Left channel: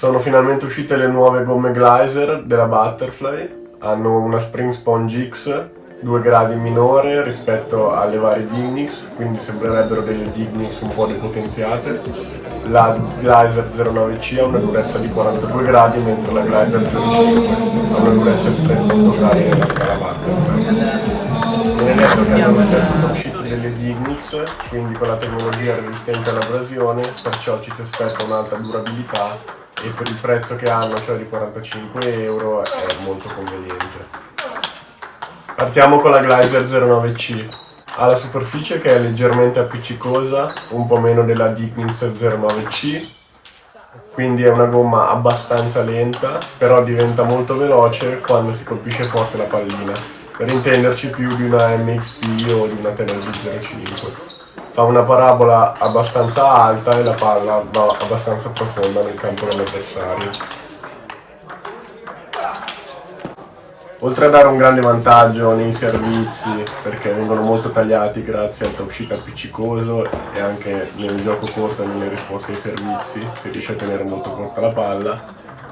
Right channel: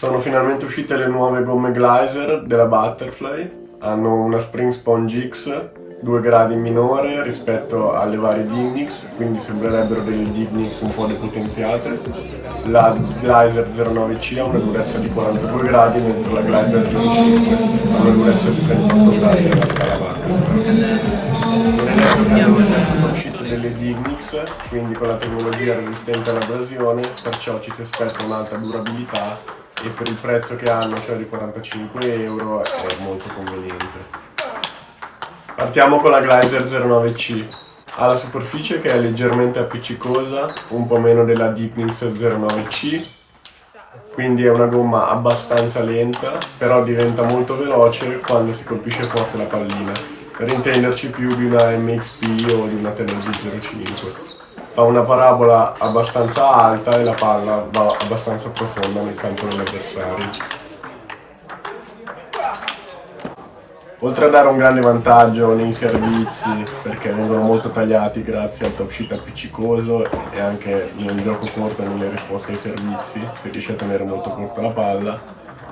Sono finalmente uscite le nuove gomme Glyzer della Butterfly, hanno una Spring Sponge X 2 gradi minore rispetto alle varie Dignix, quindi sembrerebbero delle Dignix un po' depotenziate. La Glyzer 09C ha una durezza di 42 gradi, mentre la Glyzer 05 ha una durezza di 38 gradi nella scala Butterfly. Non è detto che hanno lo stesso top sheet delle Dignix, quindi con la tecnologia resistente all'abrasione, perciò ci si aspetta un'alta durabilità e per il prezzo che hanno, cioè di 45 euro, è molto conveniente. Partiamo con la Glyzer 09C. Ha la superficie che è leggermente appiccicosa, un po' meno della Dignix 09C, quindi è una gomma abbastanza lenta, però diventa molto veloce quando si colpisce forte la pallina, per intenderci più di una MXP o di una Tenergy 05. Fa una parabola abbastanza alta e la palla va abbastanza profonda nel campo dell'avversario. Oltre a dare un grande vantaggio nei servizi, perché vengono molto tagliati grazie al top sheet appiccicoso e anche nel gioco corto e nelle risposte ai servizi, si riesce a tenere molto corta la palla,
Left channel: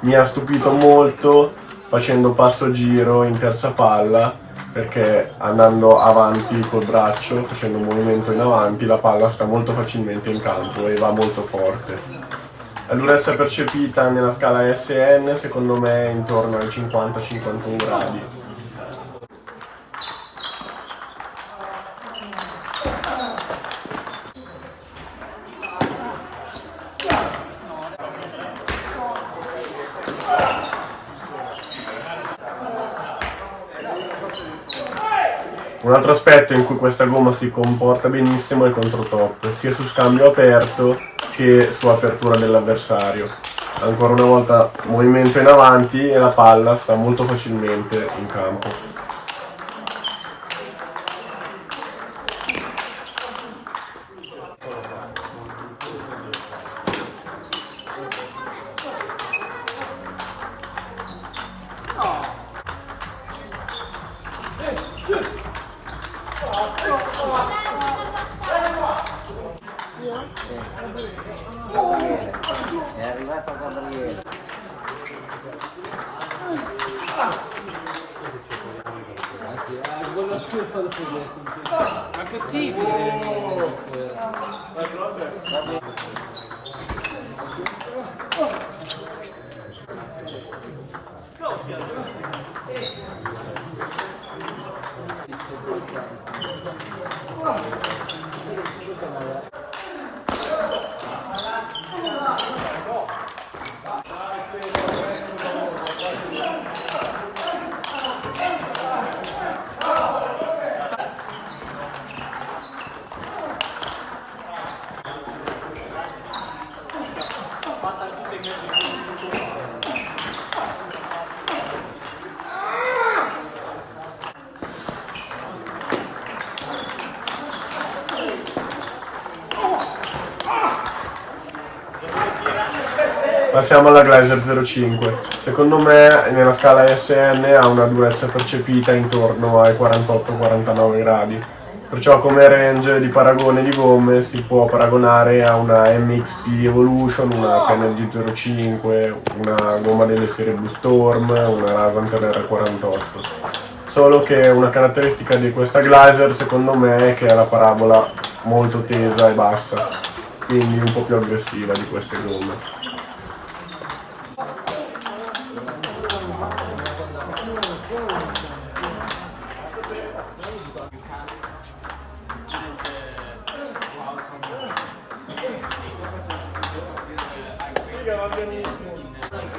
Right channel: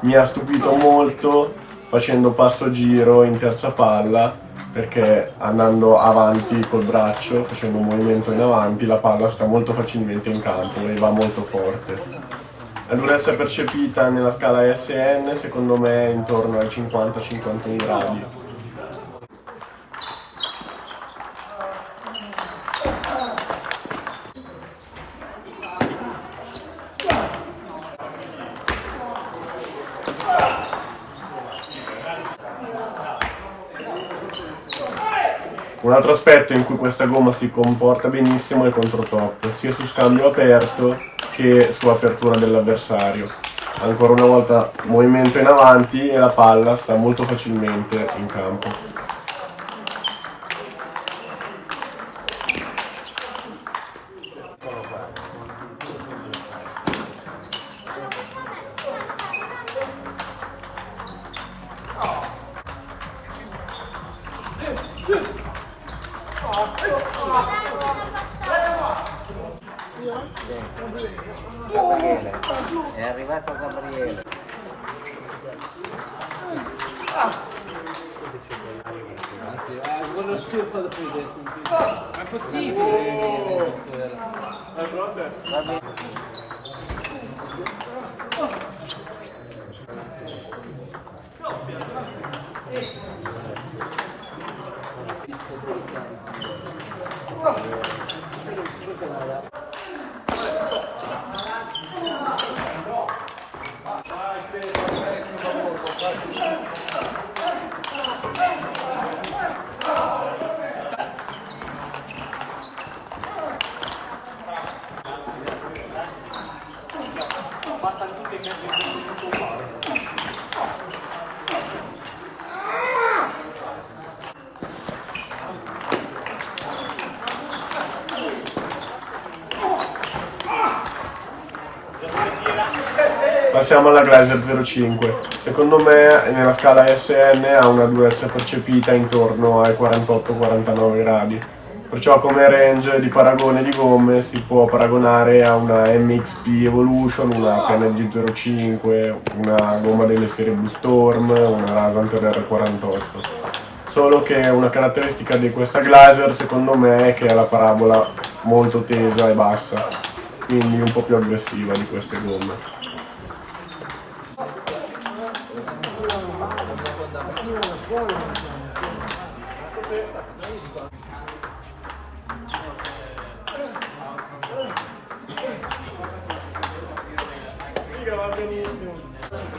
mi ha stupito molto facendo passo giro in terza palla, perché andando avanti col braccio, facendo un movimento in avanti, la palla sta molto facilmente in campo e va molto forte. La durezza percepita nella scala SN secondo me è intorno ai 50-51 gradi. Un altro aspetto in cui questa gomma si comporta benissimo è il controtop, sia su scambio aperto che su apertura dell'avversario. Ancora una volta movimento in avanti e la palla sta molto facilmente in campo. È arrivato Gabriele. È possibile? Passiamo alla Glyzer 05. Secondo me nella scala SN ha una durezza percepita intorno ai 48-49 gradi. Perciò come range di paragone di gomme si può paragonare a una MXP Evolution, una Tenergy 05, una gomma delle serie Blue Storm, una Rasanter R48. Solo che una caratteristica di questa Glyzer secondo me è che ha la parabola molto tesa e bassa, quindi un po' più aggressiva di queste gomme.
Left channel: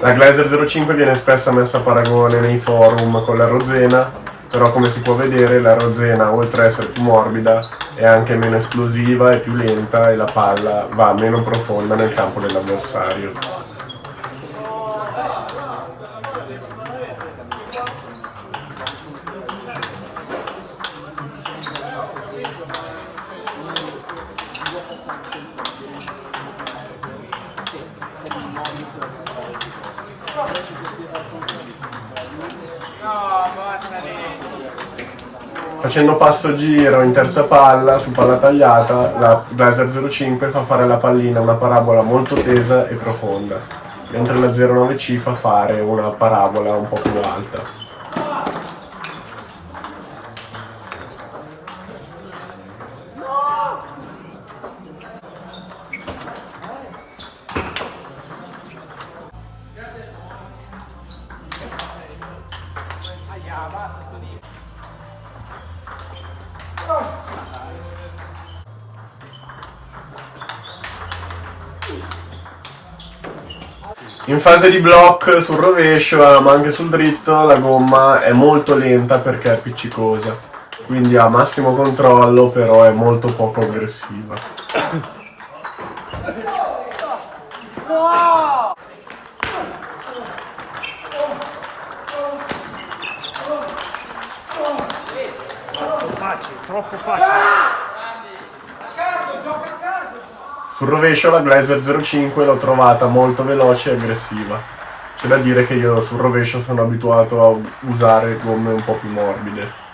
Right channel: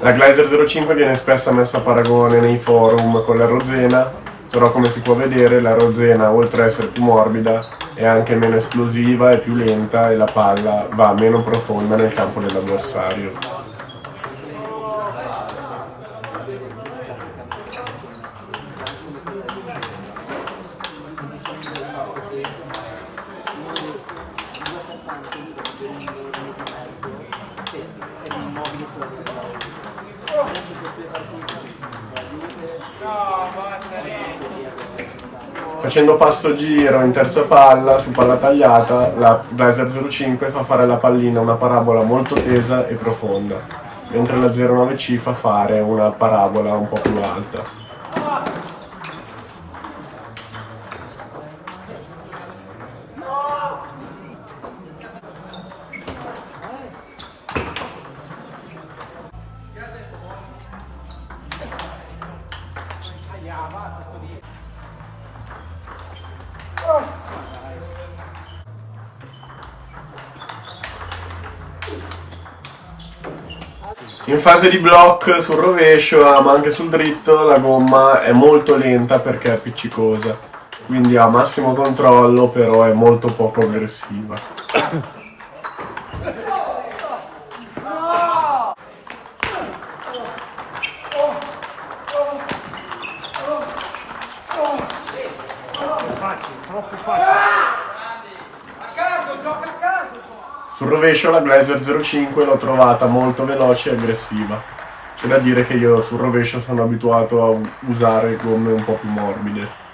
La Glyzer 05 viene spesso messa a paragone nei forum con la Rozena, però come si può vedere la Rozena, oltre ad essere più morbida, è anche meno esplosiva, è più lenta e la palla va meno profonda nel campo dell'avversario. Facendo passo giro in terza palla su palla tagliata, la Glyzer 05 fa fare alla pallina una parabola molto tesa e profonda. mentre la 09C fa fare una parabola un po' più alta. In fase di block sul rovescio, ma anche sul dritto, la gomma è molto lenta perché è appiccicosa, quindi ha massimo controllo, però è molto poco aggressiva. Sul rovescio la Glazer 05 l'ho trovata molto veloce e aggressiva. C'è da dire che io sul rovescio sono abituato a usare gomme un po' più morbide.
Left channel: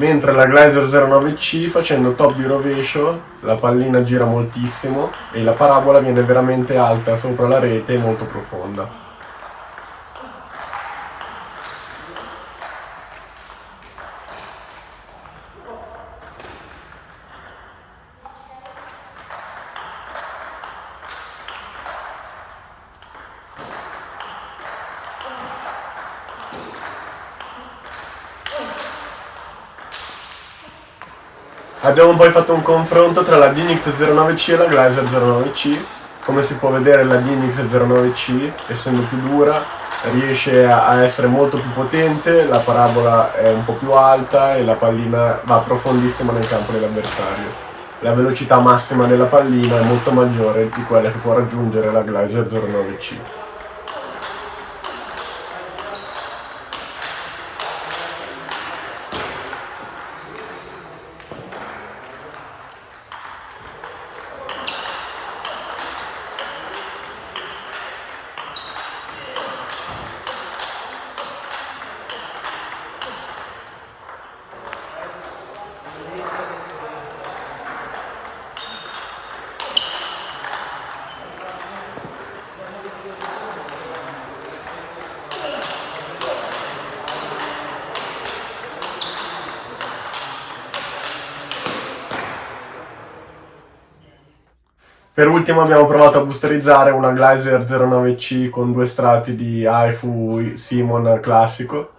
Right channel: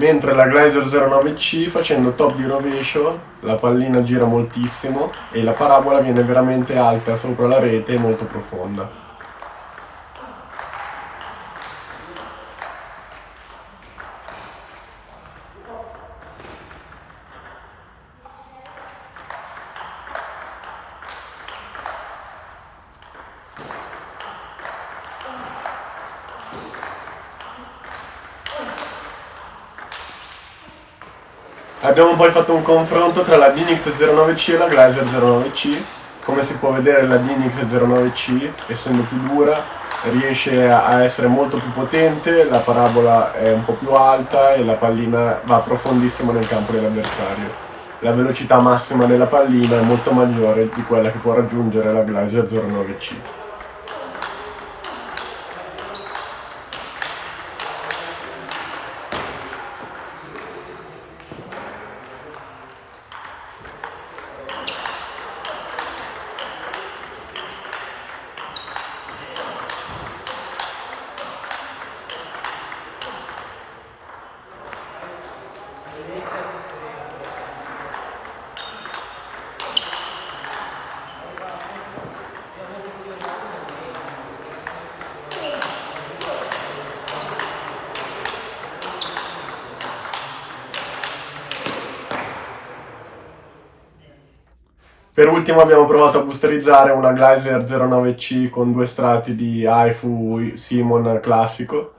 Mentre la Glazer 09C, facendo top di rovescio, la pallina gira moltissimo e la parabola viene veramente alta sopra la rete e molto profonda. Abbiamo poi fatto un confronto tra la Dynix 09C e la Glazer 09C. Come si può vedere, la Dynix 09C, essendo più dura, riesce a essere molto più potente, la parabola è un po' più alta e la pallina va profondissimo nel campo dell'avversario. La velocità massima della pallina è molto maggiore di quella che può raggiungere la Glazer 09C. Per ultimo abbiamo provato a boosterizzare una Glazer 09C con 2 strati di Haifu Simon classico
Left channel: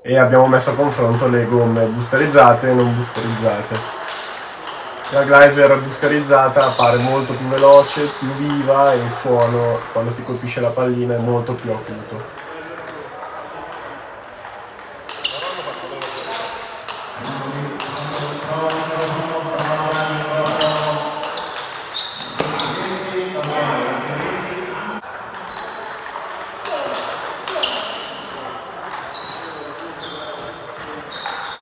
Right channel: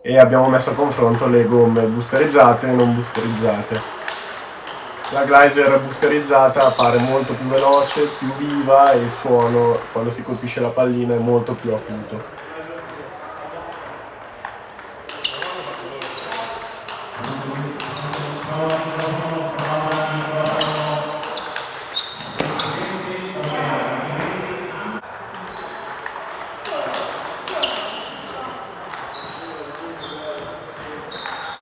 e abbiamo messo a confronto le gomme boosterizzate e non boosterizzate. La Glazer boosterizzata appare molto più veloce, più viva e il suono quando si colpisce la pallina è molto più acuto.